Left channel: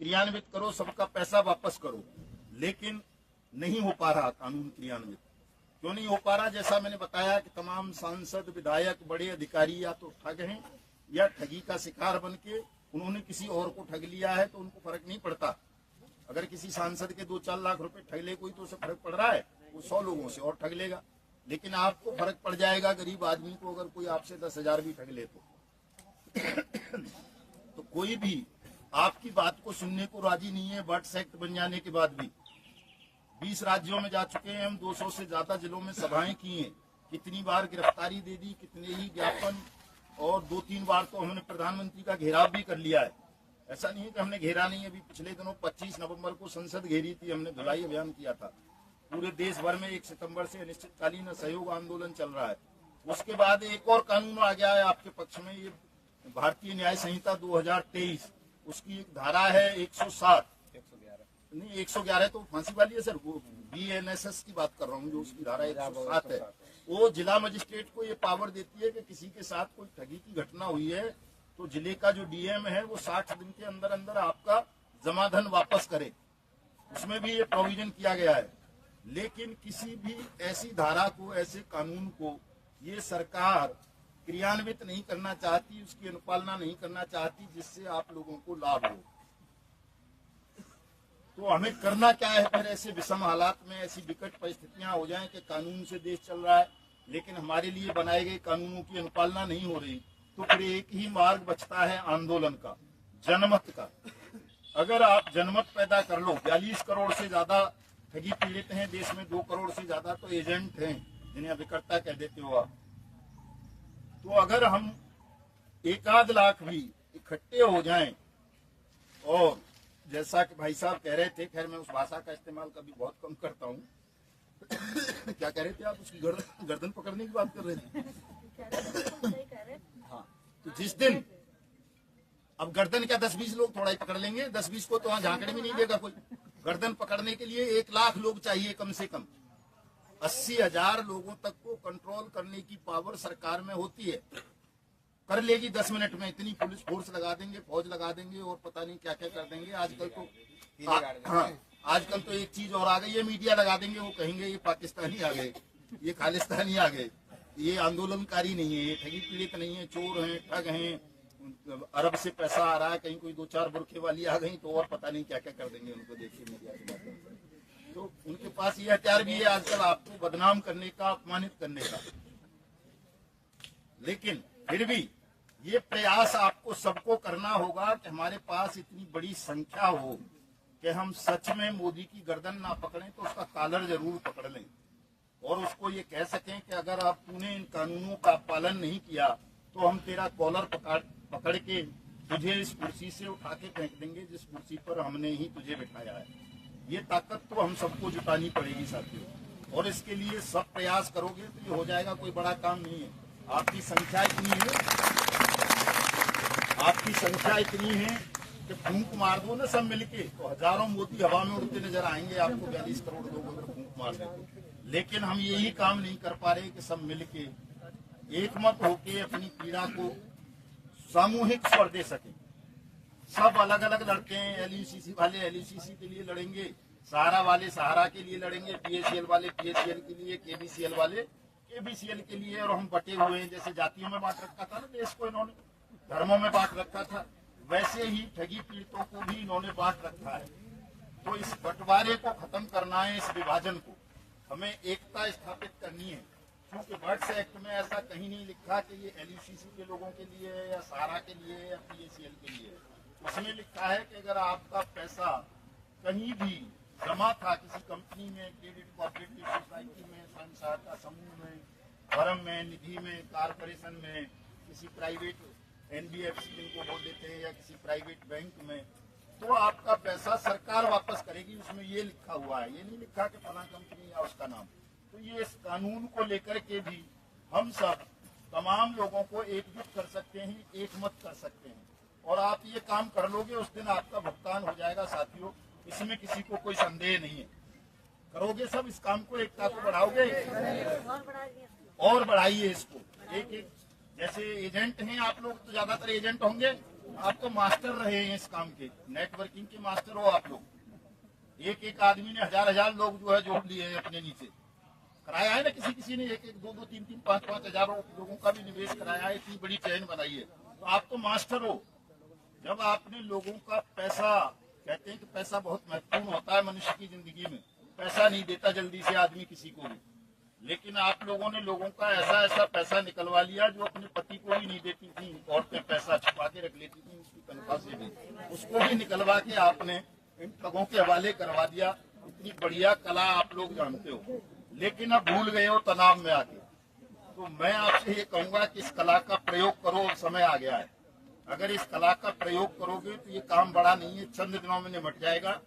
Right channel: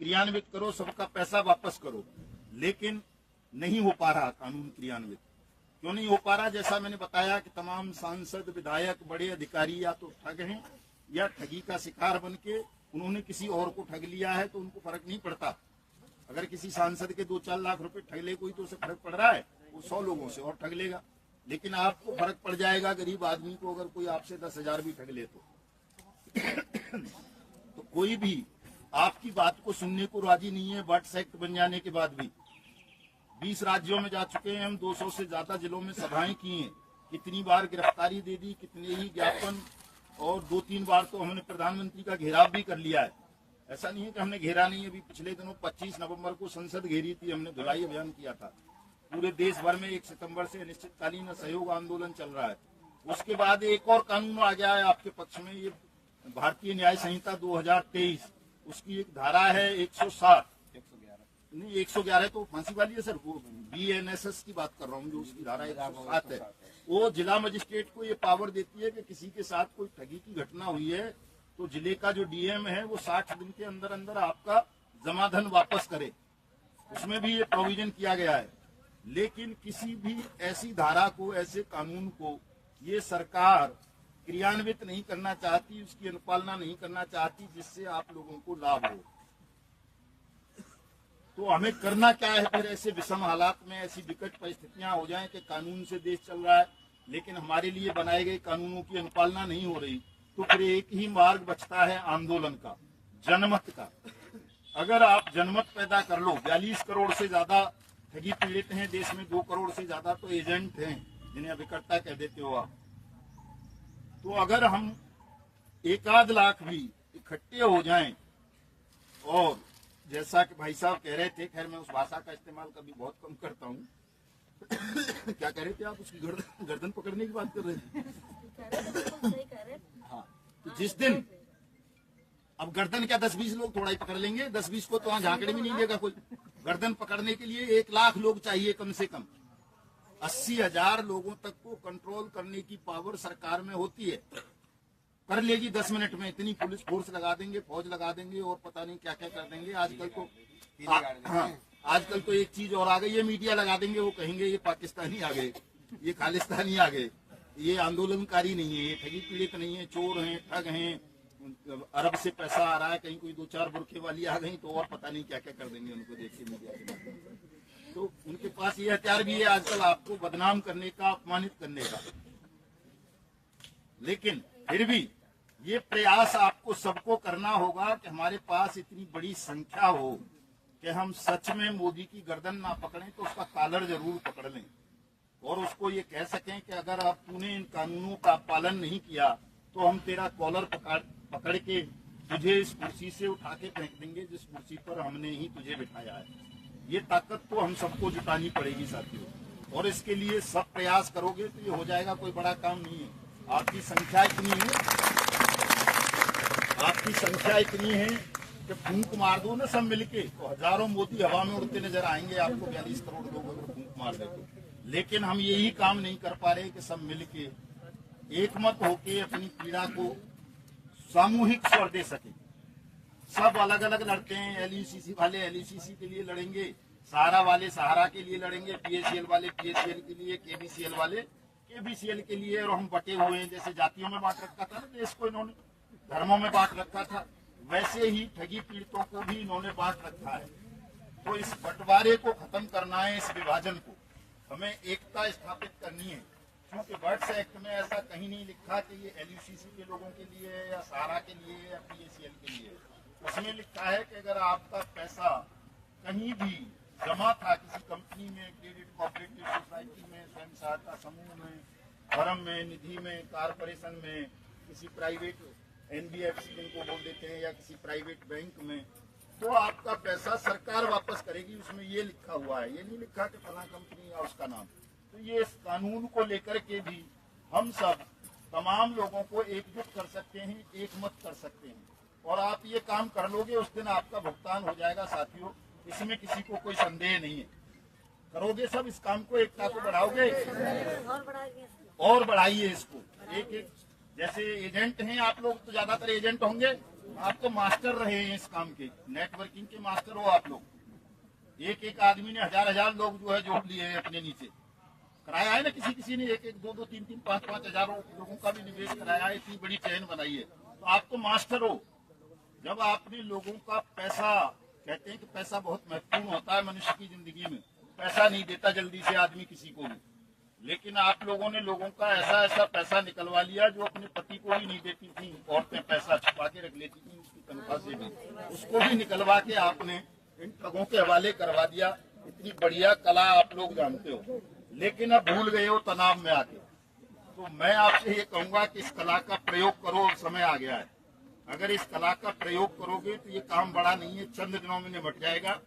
क्रियान्वित करो, सबका पैसा वापस करो, लेकिन नहीं हो पा रहा कानून क्रियान्वित। क्यों नहीं हो पा रहा? जैसा मैंने बताया कि तमाम सांसद, विधायक, बड़े अधिकारी या तो ठग हैं या ठगी का शिकार बन के उन्होंने किसी और को ठग लिया है, तो उनको फर्क नहीं पड़ता। अगर किसी सांसद के 2-4 लाख रुपए ठग ले कोई तो उसे फर्क पड़ रहा है, वो 100 लोगों से और ठग लेगा। लेकिन आपको फर्क पड़ जाएगा गरीब आदमी को अगर कोई आपसे 10,000 भी ठग ले तो कोई भी आपकी बात को सुनने को राजी नहीं है। बट्स एक्ट बन जाने के बाद भी 20 राज्यों में जा चुके हैं हम, 200 से ज्यादा जिलों में सभाएं की हैं, कितनी बार गिरफ्तारी दे दी, कितने ही ज्ञापन, और 2-3 बार तो हमने प्रधानमंत्री का घेराव भी कर लिया है। ऐसा नहीं है कि हमने घेरा नहीं। अभी पिछले दिनों 25 नवंबर को संसद घेरी थी हमने, धुलाई अभियान किया था। पूरे देश भर में 1 सितंबर से अनिश्चितकालीन सहयोग आंदोलन चल रहा है। उसके बाद एक और कानून आ गया है आपके पक्ष में, ये भारतीय न्याय संहिता 2023, उसकी एक धारा है 111 तो फांसी वाली है सर, वो BNSS की बात कर रहा हूँ, जो उसकी धारा 107 है। वो जिला मजिस्ट्रेट को ये पावर देती है कि किसी के साथ कोई ठगी की घटना हुई है तो जिले का जो DM है वो 60 दिन के अंदर अंदर आपका जमाधन वापस करे। उसमें भी ये प्रोविजन किया गया है। लेकिन किसी भी ऐसी धारा को, ऐसे कानून को ये सरकार क्रियान्वित नहीं करना चाहती, उसकी अनुपालना नहीं करना चाहती जिससे आप लोगों को लाभ हो। तो हमें करना क्या है फिर? ऐसे विषम हालात में ऐसी विकट परिस्थितियां हो जाएं कि कानून से देश चल रहा है लेकिन हमारे लिए बनाए गए कानूनों की अनुपालना नहीं हो रही, तो फिर एक ही मार्ग बचता है आंदोलन का, जनमत का। अगर आप जनमत पैदा कर लो, 42 करोड़ से ज्यादा ठगी पीड़ित हैं देश में, 2 करोड़ से ज्यादा तो एजेंट हैं जिन्हें अभिकर्ता कह देते हो आप। तो अगर हम 1-8 लाख भी इकट्ठे हो जाएं, और जैसा कि भाई साहब कह रहे थे, खैर मैं उस भाषा का इस्तेमाल कभी बहुत कम करता हूँ क्या कह रहे थे आप? उसकी गर्दन पकड़ने की बात कर रहे थे। हाँ, तो जिस दिन अब गर्दन क्या 10-20 लोग थोड़ा ही पकड़ लेंगे, 10-20 को तो वहां झांकड़े में नहीं लेगा कोई। गर्दन पकड़ने के लिए 1 लाख लोग चाहिए कम से कम। 80,000 लोगों तक को कंट्रोल करने की पावर सरकार में होती है। कर लेगी 10 मिनट में, इतनी पुलिस फोर्स लगा देंगे, फौज लगा देंगे और पता नहीं क्या क्या कर देंगे। आजकल तो आजकल तो एक चीज और आ गई है, मीडिया लगा देंगे, वो कहेंगे ये पाकिस्तानी आ गए, ये खालिस्तानी आ गए, ये आंदोलनकारी नहीं है, ये ठगी पीड़ित नहीं है, चोर हैं, ठग हैं, अरब से पैसा आ रहा है, कहीं कोई 2-4 बुरखे वाली आ गई तो और पता नहीं क्या क्या कर देंगे उनको देख के मीडिया के माध्यम। तो उनके पास ये हथियार भी है आजकल आपको बदनाम करने का, अपमानित करने का। लेकिन फिर भी ये प्रयास आपको सबको करना होगा कि हमारे पास इतनी बड़ी संख्या हो कि हम सच में मोदी की गर्दन ना पकड़ें तो उसका कॉलर जरूर पकड़ लें, और उसको ये कह सकें कि अगर आप तूने इन कानूनों का पालन नहीं किया तो हम तेरा कॉलर पकड़ के तुझे इस कुर्सी से उठा के फेंक देंगे जिस कुर्सी पर हमने ही तुझे बिठाया है। ये ताकत तो हम सबको जुटानी पड़ेगी साथियों, और इसके लिए सब प्रयास करोगे तो ये हो जाएगा, कोई बड़ा काम नहीं है। आपकी संख्या इतनी है कि फूंक मार दो ना सब मिलके, तो हजारों मोदी हवा में उड़ते नजर आएंगे आपको, 42 करोड़ लोगों को फूंक मार देंगे। लेकिन हम यही काम नहीं कर पा रहे कि सब मिलके एकमत होके अपनी पीड़ा को सामूहिक स्वर दे सके। सब अलग अलग लड़ते हैं, LECC वाले LECC के लिए लड़ेंगे, सहारा वाले सहारा के लिए लड़ेंगे, PACL वाले PACL के लिए, KBCL वाले KBCL के लिए, और हम बटे हुए हैं। जैसे जातियों में बांट रखा था ना देश को इन्होंने, धर्मों में बांट रखा था, वैसे ही ठगी पीड़ितों को भी इन्होंने बांट रखा है। तो इस बंटवारे को खत्म करना है, इस विभाजन को हमें एकता स्थापित करनी है। क्योंकि बर्ड्स एक्ट में ऐसा कहीं नहीं लिखा कि ये LECC के लोगों के लिए है या सहारा के लिए है या PACL के लिए है। उसमें लिखा है कि अगर आपका पैसा कहीं भी जमा था किसी कंपनी में, क्रेडिट कोऑपरेटिव सोसाइटी में, स्वयं सहायता समूह में, फर्म में, निधि में, कारपोरेशन में, किसी प्राइवेट NBFC जिनको बोल देते हैं, या किसी प्राइवेट बैंक में, तो आपका पैसा सरकार वापस करेगी। उसमें ये लिखा हुआ है, ये नहीं लिखा कि फला कंपनी या उसका नाम। तो ये इस कानून को लेकर के भी हम सब तमाम लोगों को एकजुट कर सकते हैं, एकमत कर सकते हैं, और आप ये काम कर लोगे उस दिन आपका भुगतान हो जाएगा साथियों, इसमें किसी को कोई संदेह नहीं है। करोगे सब इस काम को, एकता को बढ़ाओगे और बढ़ाइए इसको। एक जैसे एजेंट हैं आप लोग, तो ज्यादातर एजेंट होंगे, आप तो मास्टर रहे हैं इस काम के, नेटवर्किंग के मास्टर हो आप लोग। एक एक आदमी ने हजार हजार लोग जो है जोड़ लिए हैं अपने नीचे, कराया है ना किसी किसी ने, एक एक दो दो तीन तीन पांच पांच हजार लोगों का भी निवेश कराया है, इतनी बड़ी चेन बनाई है। तो आप तो मास्टर हो। जब आपने लोगों का पैसा, कहते हैं कि पैसा बहुत महत्वपूर्ण होता है मनुष्य की जिंदगी में, पैसा नहीं देता जल्दी से आदमी किसी को भी, लेकिन आप लोगों ने लोगों का ऐसा ऐसा पैसा निकलवा लिया जो अपने पति को भी नहीं देती थी। औरतें पैसा छुपा के रख लेती थी उसकी तनख्वाह से भी, उसको भी निकलवा के आपने इन ठगों के हवाले करवा दिया। इतनी बढ़िया कला आप लोग जानते हो, लेकिन अब भूल गए हो तनाव में आके। तो मैं आपसे ये कहूंगा कि इस कला का प्रयोग करो, समय आ गया है। अगर इस कला का प्रयोग करोगे तो ये काम बड़ा नहीं है, चंद दिनों में निपट जाएगा।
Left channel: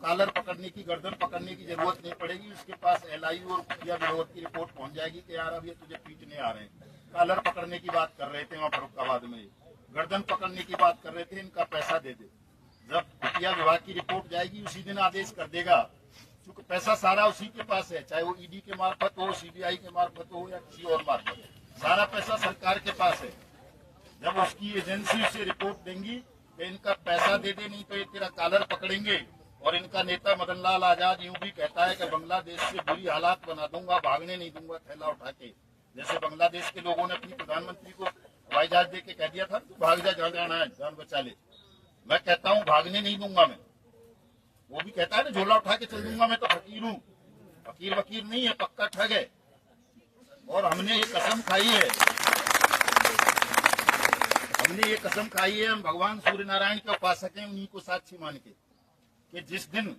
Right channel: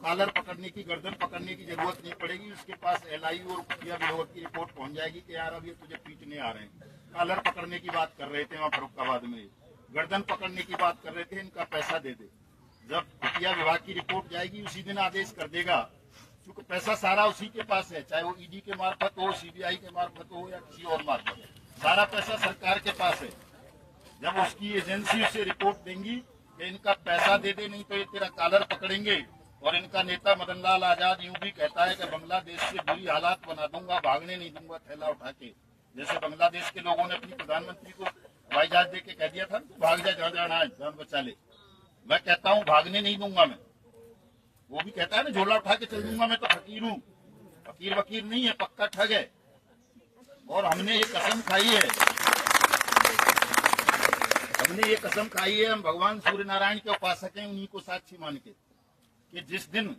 कॉलर पकड़ने की, गर्दन पकड़ने की जरूरत नहीं पड़ेगी। उसके पास LI और खुफिया विरोध की रिपोर्ट पहुंच जाएगी कि यार अब ये तुझे पीटने आ रहे हैं। कॉलर पकड़ने की बात कर रहे थे वहाँ फरुखाबाद में, गर्दन पकड़ने की बात कर रहे थे, इनका पैसा दे दे। जब खुफिया विभाग की रिपोर्ट जाएगी उसी दिन आदेश कर देगा, क्योंकि पैसा सारा उसी के पास है, चाहे वो ED के मार्फत हो, CBI के मार्फत हो या किसी और मार्फत, सारा पैसा सरकार के पास है। जब उसकी एजेंसी से रिपोर्ट देंगी कि इनका पैसा दे दे, नहीं तो ये तेरा कॉलर पकड़ेंगे। और इनका नेता मदन लाल आजाद यूं भी कहता है कि बांग्लादेश से बुरी हालात बना दूंगा, भागने नहीं दूंगा थैला उठा के। जैसे बांग्लादेश के लोगों ने अपनी प्रधानमंत्री को हवाई जहाज दे के कह दिया था भाग जा, जहाँ जाना है जान बचा ले। मैं कहता हूँ भागने नहीं दूंगा मैं। वो भी कहता है ना झोला उठा के चल दूंगा, मैं तो फकीर हूँ। फकीर वकीर नहीं है, पक्का ठग है। और हमने ये कसम खाई है, हम भगवान सूर्य नारायण के उपासक हैं, उन्हीं को साक्षी मान के, कि जिस दिन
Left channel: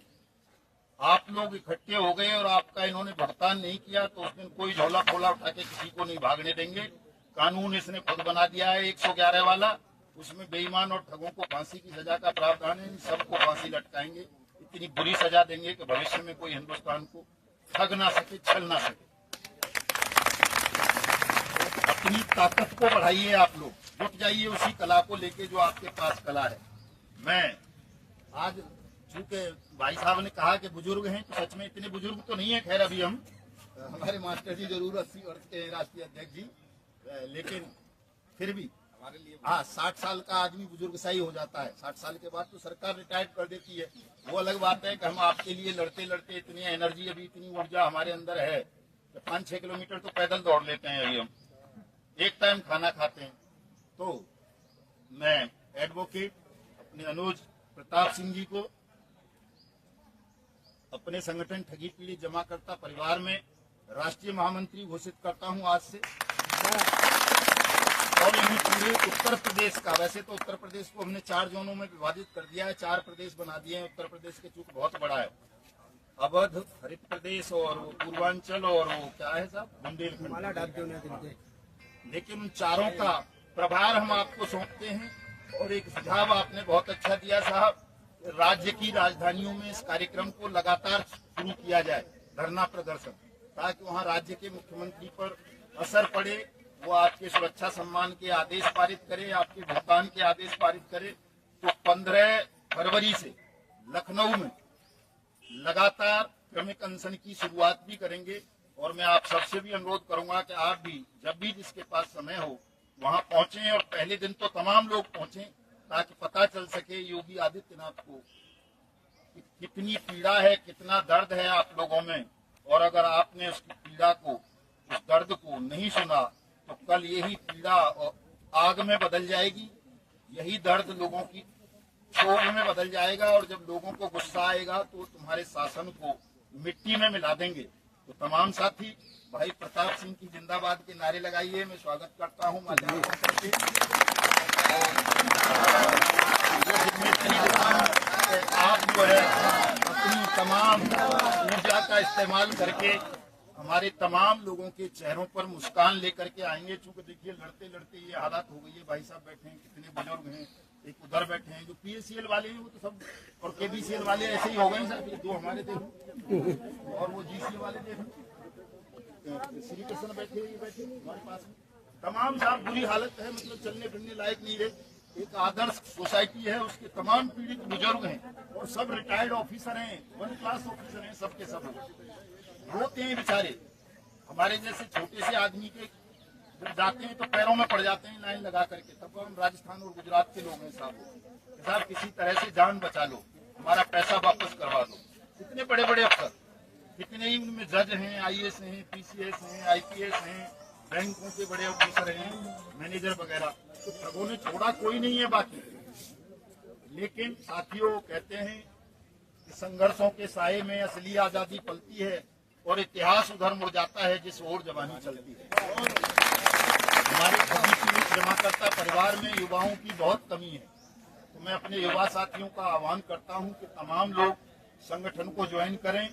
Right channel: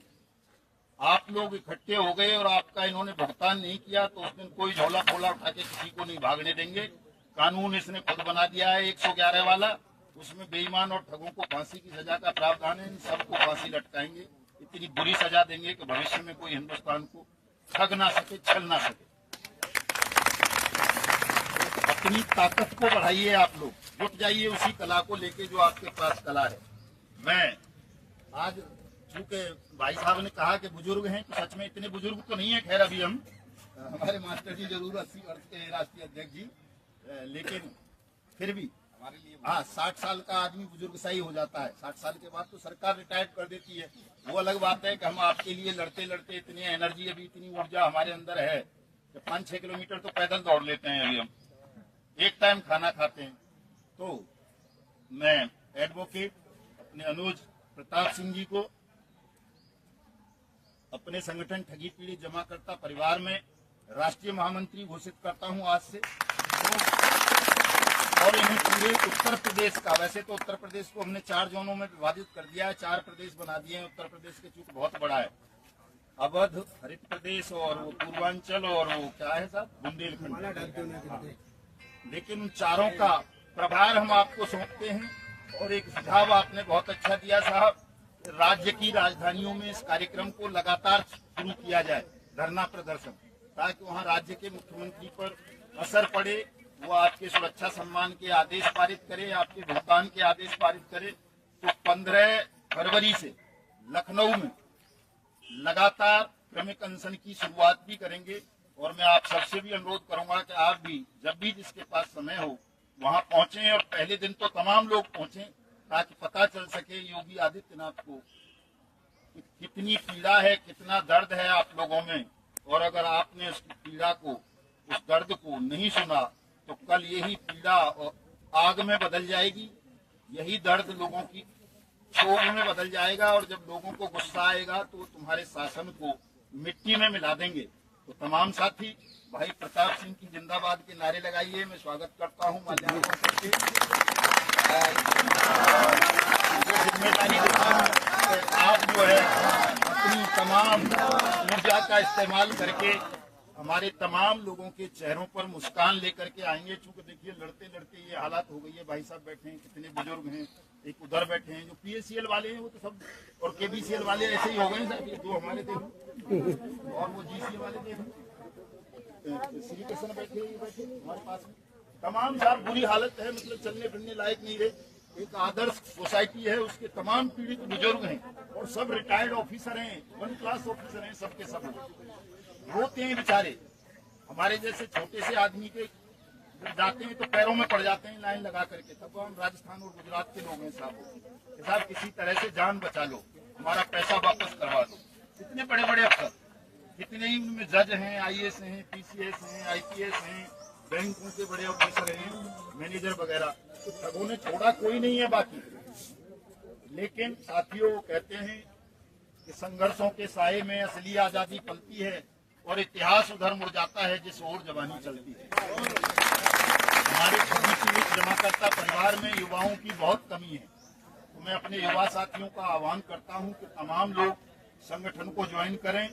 आप लोग इकट्ठे हो गए और आपका इन्होंने भुगतान नहीं किया तो उस दिन कोई झोला खोला उठा के किसी को नहीं भागने देंगे। कानून इसने खुद बना दिया है 111 वाला, उसमें बेईमान और ठगों को फांसी की सजा का प्रावधान है। इन सबको फांसी लटकाएंगे, इतनी बुरी सजा देंगे कि भविष्य में कोई हिंदुस्तान को ठग ना सके, छल ना सके। अपनी ताकत को बढ़ाइए, आप लोग जुट जाइए उसी कला को लेके जो आपके पास कला है। मैं आज चूंकि भाई साहब ने कहा कि बुजुर्ग हैं, तो सच में इतने बुजुर्ग तो नहीं है। खैर अभी हम, हमारे मास्टर जी जरूर 80 वर्ष के हैं, राष्ट्रीय अध्यक्ष जी, लेकिन फिर भी हमारे लिए 60 साल का आदमी बुजुर्ग सा ही हो जाता है। 60 साल के बाद तो सरकार रिटायर्ड कर देती है। वो अलग बात है कि हम आपके लिए लड़ते लड़ते इतनी एनर्जी, अभी इतनी ऊर्जा हमारे अंदर है कि 5-6 किलोमीटर तो पैदल दौड़ लेते हैं। अभी हम एक टाइम खाना खाते हैं। तो मैं एडवोकेट अपने अनुज प्रताप सिंह जी को अपने संगठन ठगी पीड़ित जमाकर्ता परिवार में राष्ट्रीय महामंत्री घोषित करता हूं आज से। और इन पूरे उत्तर प्रदेश का, वैसे तो उत्तर प्रदेश को हमने 4 जोनों में विभाजित कर दिया है, 4 प्रदेश बना दिए हैं। उत्तर प्रदेश के चूंकि बहुत बड़ा है, अवध, हरित प्रदेश और पूर्वांचल और वो क्या है साहब, बुंदेलखंड। लेकिन उन चारों का प्रभार हम आपको सौंपते हैं। और एक सुझाव आपने बहुत अच्छा दिया साहब, राज्य की राजधानियों में इस कार्यक्रम को लगातार शुरू किया जाए, धरना प्रदर्शन, ताकि वहां राज्य के मुख्यमंत्री पर असर पड़े, वो आपके सुरक्षा सम्मान के आदेश पारित करे, आपके भुगतान के आदेश पारित करे। तो 15 फरवरी से लखनऊ में लगातार क्रमिक अनशन की शुरुआत भी करेंगे। और मैं आप सबसे भी अनुरोध करूंगा कि आप भी जब भी जिसके पास समय हो वहां पहुंचे, और पहले दिन तो तमाम लोग पहुंचे, ताकि पता चल सके योगी आदित्यनाथ को कितनी पीड़ा है, कितना दर्द है आप लोगों में। और अगर आपने उस पीड़ा को, उस दर्द को नहीं सुना तो कल यही पीड़ा आग में बदल जाएगी, यही दर्द लोगों की क्षोभ में बदल जाएगा। और जब लोगों को गुस्सा आएगा तो तुम्हारे शासन को मिट्टी में मिला देंगे। तो तमाम साथी भाई प्रताप सिंह की जिंदाबाद के नारे लगाइए। मैं स्वागत करता हूँ। आप जो है अपनी तमाम ऊर्जा का इस्तेमाल करके हमारे तमाम लोगों के चेहरों पर मुस्कान लेकर के आएंगे। चूंकि देखिए लड़ते लड़ते ये हालात हो गई है। भाई साहब बैठे हैं, कितने बुजुर्ग हैं, एक उधर बैठे हैं जो PACL वाले हैं, वो तो सब, और KBCL वाले ऐसे ही हो गए साहब, दो हमारे देखो, और वो GCA वाले देखो, श्री कृष्ण बैठे हमारे पास में। तमाम साहब बुरी हालत है, मतलब चलने फिरने लायक नहीं रहे। एक आदर्श सोसाइटी है, उसके तमाम पीड़ित बुजुर्ग हैं और सब रिटायर्ड ऑफिसर हैं, 1 क्लास ऑफिसर हैं, सबके सब रोते हैं बेचारे। हमारे जैसे छोटे से आदमी के जब जाते हैं तो पैरों में पड़ जाते हैं लाइन लगा करके। तब हम राजस्थान और गुजरात के लोग हैं साहब किसी तरह से जान बचा लो, हमारा पैसा वापस करवा दो। इतने बड़े बड़े अफसर, कितने ही उनमें जज हैं, आईएएस हैं, पीसीएस हैं, आईपीएस हैं, बैंकों के बड़े ऑफिसर हैं, मैनेजर वगैरह, तो ठगों ने छोड़ा कोई नहीं है बाकी। लेकिन साथियों कहते हैं कि संघर्षों के साये में असली आजादी पलती है और इतिहास उधर मुड़ जाता है जिस ओर जवानी चलती है। हमारे जमाकर्ता परिवार में युवाओं की बहुत कमी है, तो मैं अपने युवा साथियों का आह्वान करता हूं कि तमाम लोग संगठन को ज्वाइन करें,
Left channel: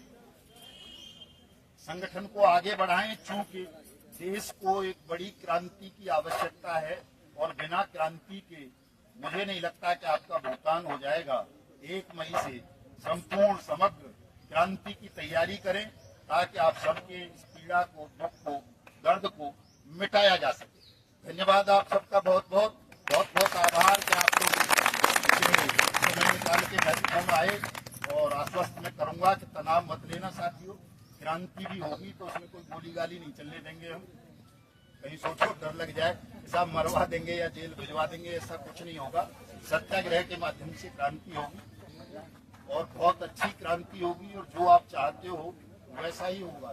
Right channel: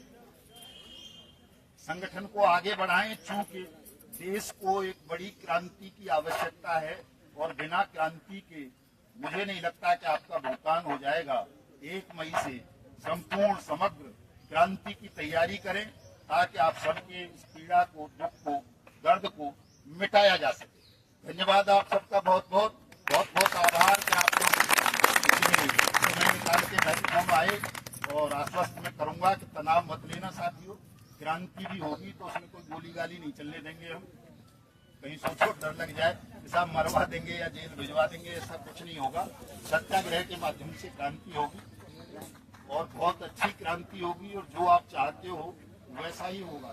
संगठन को आगे बढ़ाएं, चूंकि देश को एक बड़ी क्रांति की आवश्यकता है और बिना क्रांति के मुझे नहीं लगता कि आपका भुगतान हो जाएगा। 1 मई से संपूर्ण समग्र क्रांति की तैयारी करें ताकि आप सबके इस पीड़ा को, दुख को, दर्द को मिटाया जा सके। धन्यवाद आप सबका, बहुत बहुत आभार कि आप लोग समय निकाल के मैराथन आए। और आश्वस्त मैं करूंगा कि तनाव मत लेना साथियों, क्रांति भी होगी तो उसमें कोई गोली गाली नहीं चलने देंगे हम। कहीं सोचो डर लग जाए सब मरवा देंगे या जेल भिजवा देंगे, ऐसा कुछ नहीं होगा। सत्याग्रह के माध्यम से क्रांति होगी और बहुत अच्छी क्रांति होगी और जो आप चाहते हो वैसा ही होगा।